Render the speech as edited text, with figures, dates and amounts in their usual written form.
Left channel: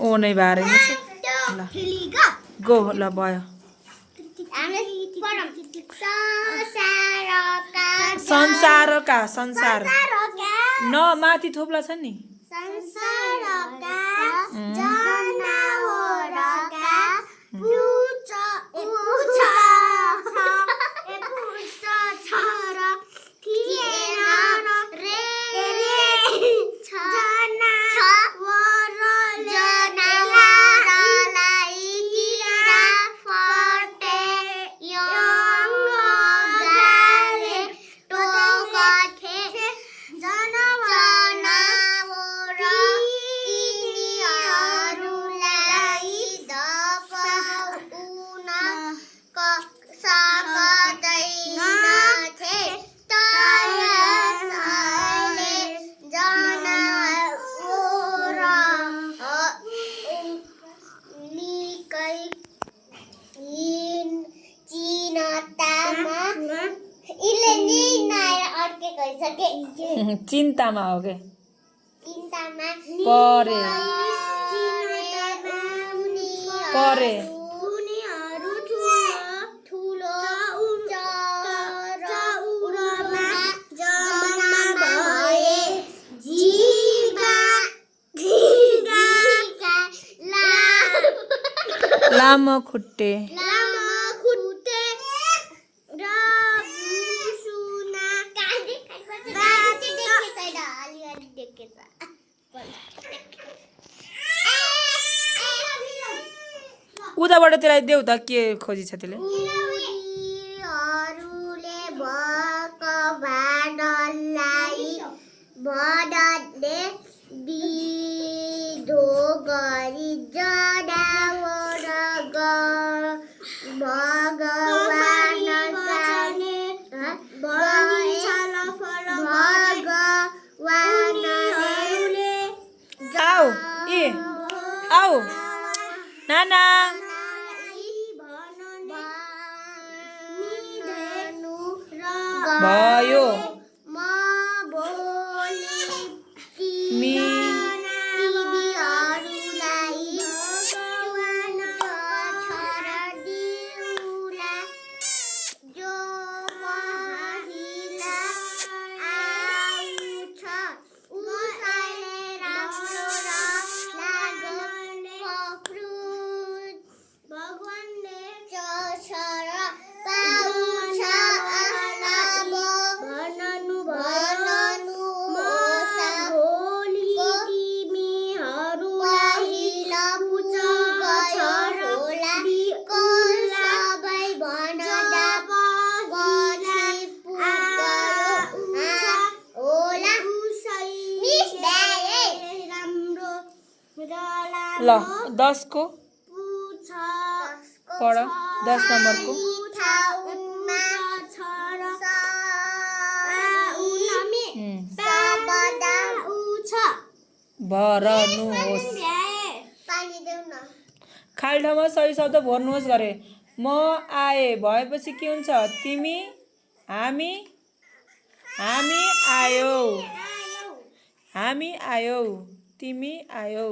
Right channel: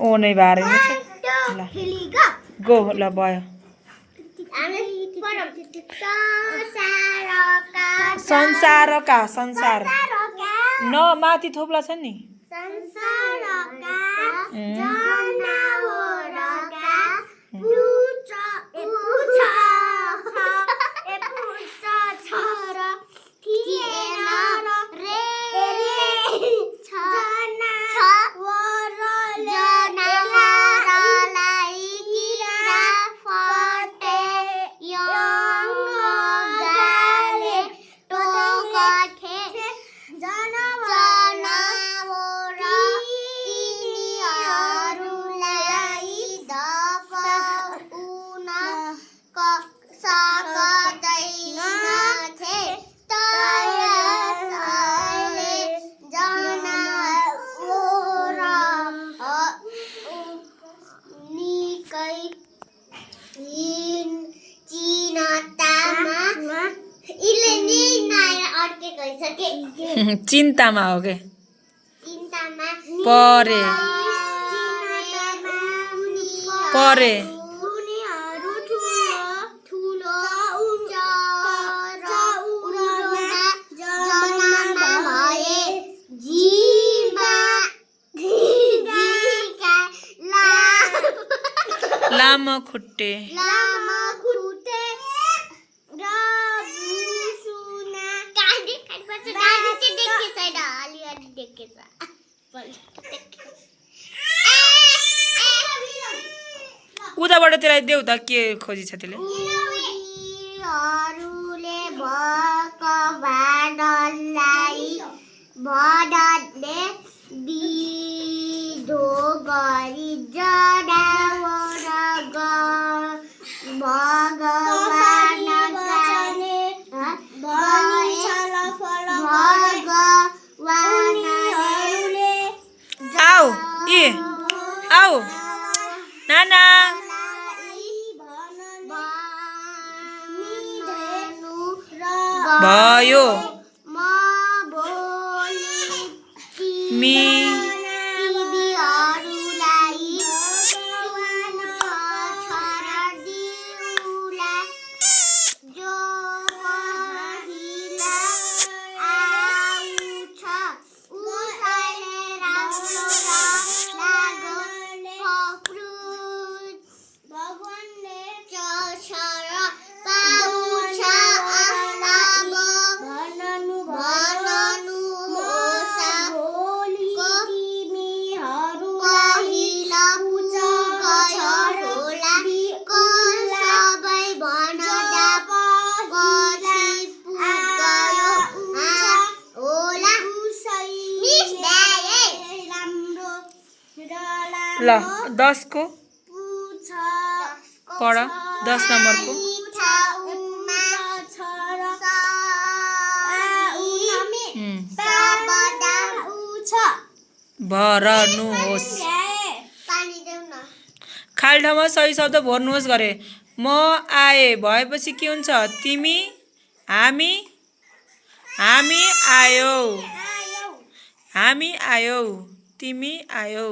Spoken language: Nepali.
ओ नै बारे ल गो ल भयो संसारका संसार न माथि थोप्ला छ नि चिन्तामा हो के परे परे लामो खुट्टे उताबाट त्यसलाई देऊ त के खोजी छ त्यसले आऊ ए आऊ नाना भयो मी ल 10 को पढ 10 नम्बर को भर्नुहोस् खाली ठाउँमा सही शब्द भर्नुहोस् गरे म आए भएपछि के हुन्छ तिमी हामी हामी आयौ तिमी आयौ